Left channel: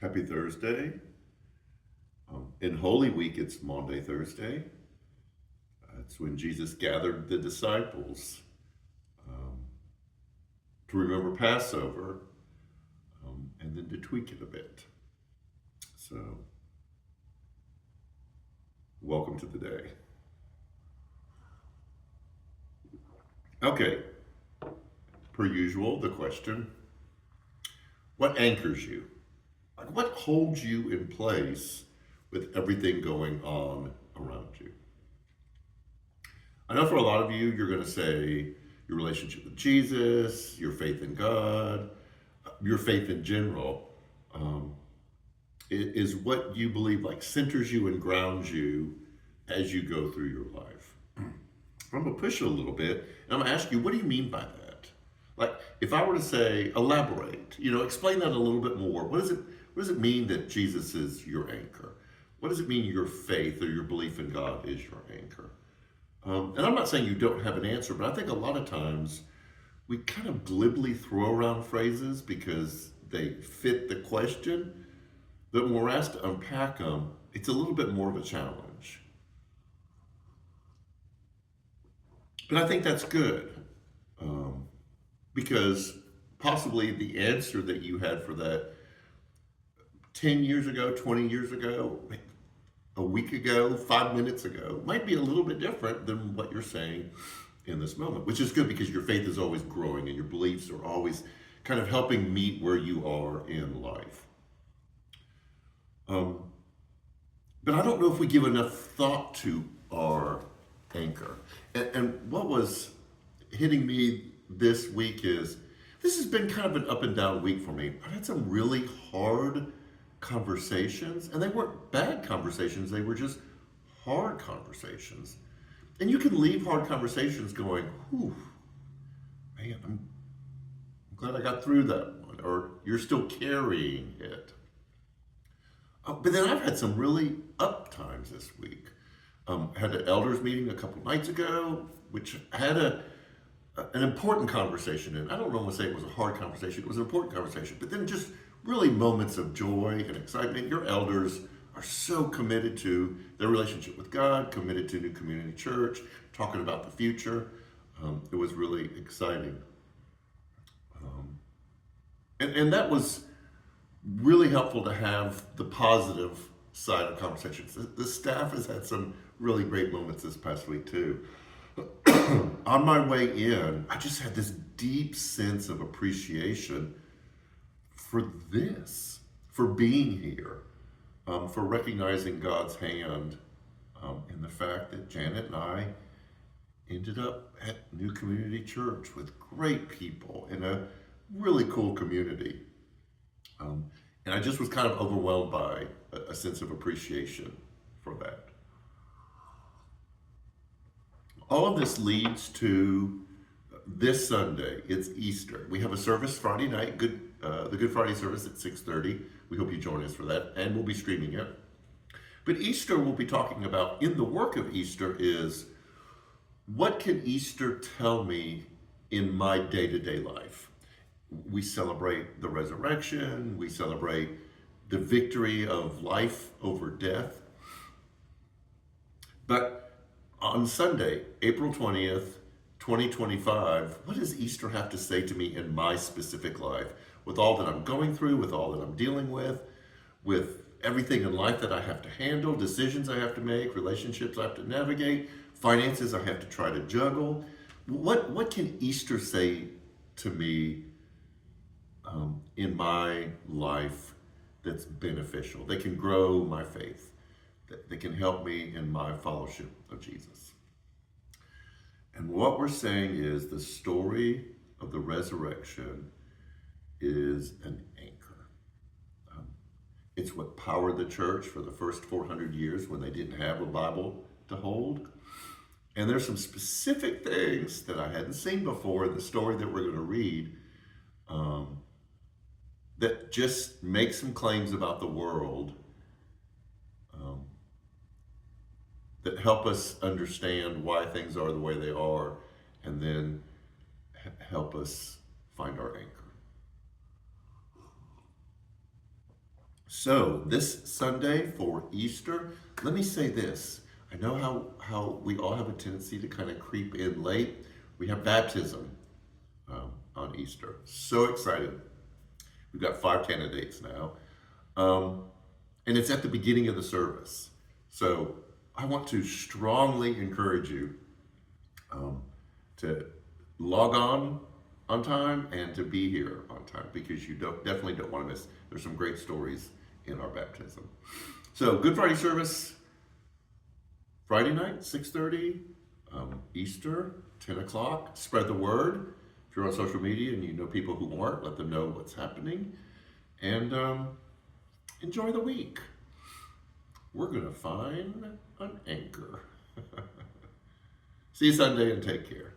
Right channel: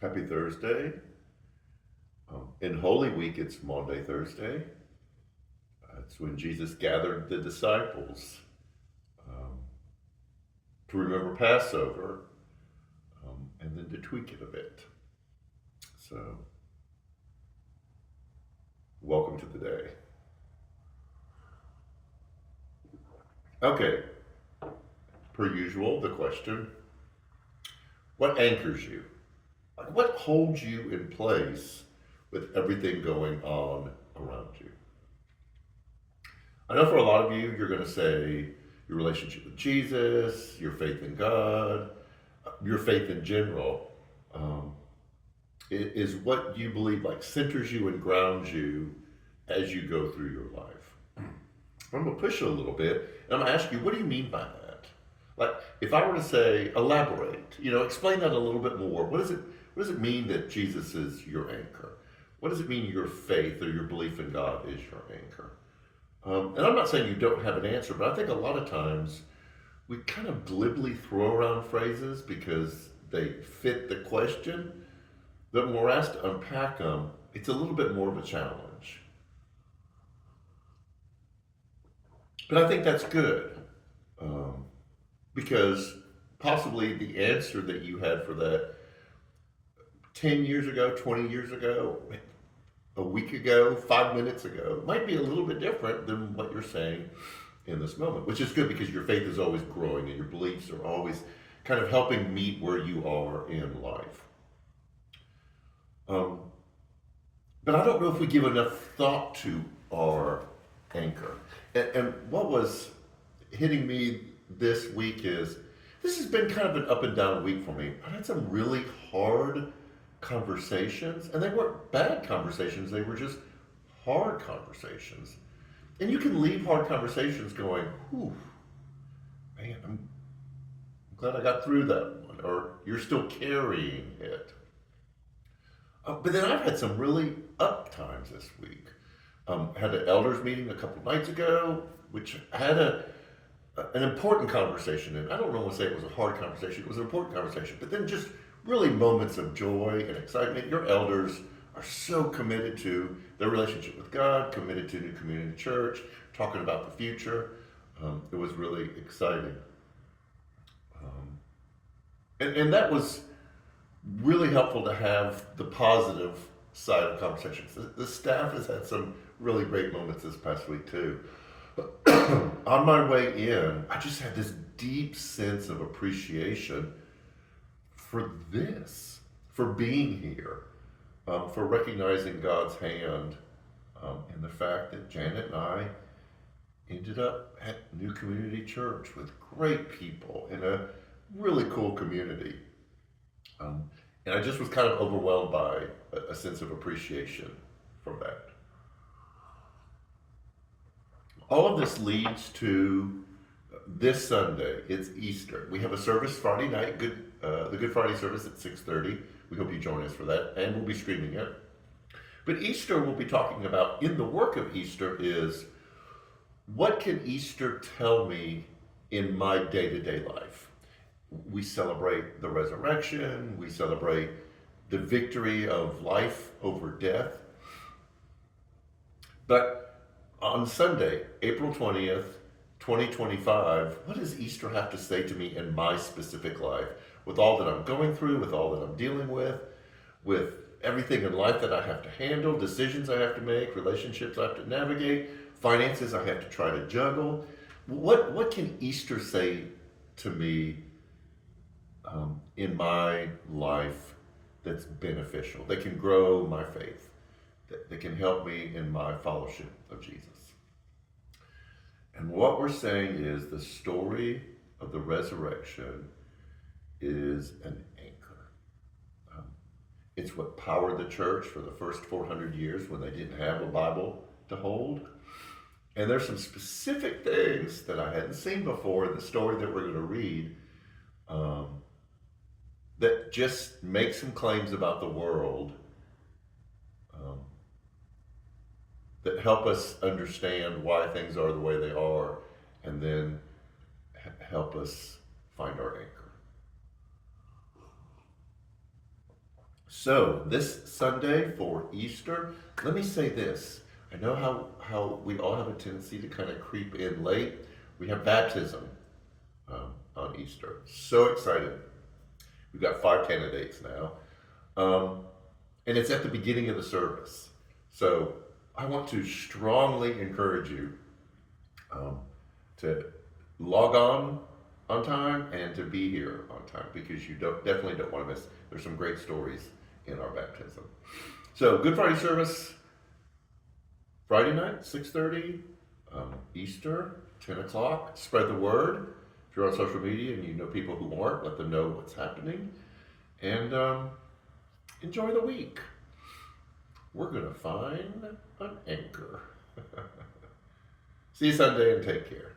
Happy Thursday. In Holy Week, it's Maundy, Thursday. It's when Jesus gathered the disciples um, to remember Passover and then to tweak it a bit. So, welcome to the day. Okay, per usual, the question: what anchors you? Like, what holds you in place with everything going on around you? I know for a lot of you, you're going to say your relationship with Jesus, your faith in God, your faith in general. Um, is what you believe like centers you and grounds you as you go through your life. I'm gonna push you a little bit and I'm gonna ask you, what do you mean by that? Like, if I were to say, elaborate, explain that a little bit more. What does it mean that Jesus is your anchor? What does it mean your faith or your belief in God is your anchor? And I'm not saying you don't have an answer, but I think a lot of times we kind of glibly throw around phrases because they fit the question. But when we're asked to unpack them, it's a little bit more of a challenge. But I think that's good um, because possibly the answer that you had for that 10 years ago, 20 years ago, a week ago, 5 minutes ago might be a little bit different than what you're saying in this moment, which is good because your faith is always growing and your beliefs are always kind of helping meet where you are in life. Um, but I don't know if we give enough thought to our anchor. And what was hitting me this week is this has been kind of an up and down week for me. I've had some really hard conversations, and they weren't bad conversations, they were just hard conversations. And you can leave hard conversations going, whew, man, I'm glad I got through that one, or you're still carrying it. But then I've had some really up times this week. Had an elders meeting a couple nights ago, which had an important conversation. And I don't want to say it was a hard conversation; it was an important conversation. But then just really moments of joy and excitement. Your elders are so committed to their relationship with God, committed to New Community Church, talking about the future. It was really exciting, um, and that was really helpful to have the positive side of conversations. The staff has had some really great moments this past week too. On my way in, I just had this deep sense of appreciation for this, for being here, for recognizing God's hand in the fact that Janet and I ended up at New Community Church with great people in a really cool community. Um, and I just was kind of overwhelmed by a sense of appreciation for that. All of this leads to this Sunday. It's Easter. We have a service Friday night, the Good Friday service at 6:30. We hope you join us for that, and we'll be streaming it. But Easter, we'll be talking about in the work of Easter is what can Easter tell me in my day-to-day life? We celebrate the resurrection. We celebrate the victory of life over death. But on Sunday, April 20th, 2025, what does Easter have to say to me in my specific life? With all that I'm going through, with all that I'm dealing with everything in life that I have to handle, decisions I have to make, relationships I have to navigate, finances I have to try to juggle. What can Easter say to me in my life that's beneficial, that can grow my faith, that can help me in my fellowship of Jesus? And what we're saying is the story of the resurrection is an anchor. Um, it's what powered the church for the first 400 years when they didn't have a Bible to hold. And there's some specific things that I hadn't seen before in the story that we're going to read um, that just make some claims about the world um, that help us understand why things are the way they are, and then help us find our anchor. So this Sunday for Easter, let me say this. I know how we all have a tendency to kind of creep in late. We have baptism on Easter. So excited. We've got 5 candidates now. And it's at the beginning of the service. So I want to strongly encourage you to log on time and to be here on time because you definitely don't want to miss. There's some great stories in our baptism. So Good Friday service, Friday night, 6:30, Easter, 10 o'clock. Spread the word. If you're on social media and you know people who aren't, let them know what's happening. And enjoy the week. We're going to find an anchor. See you Sunday and take care.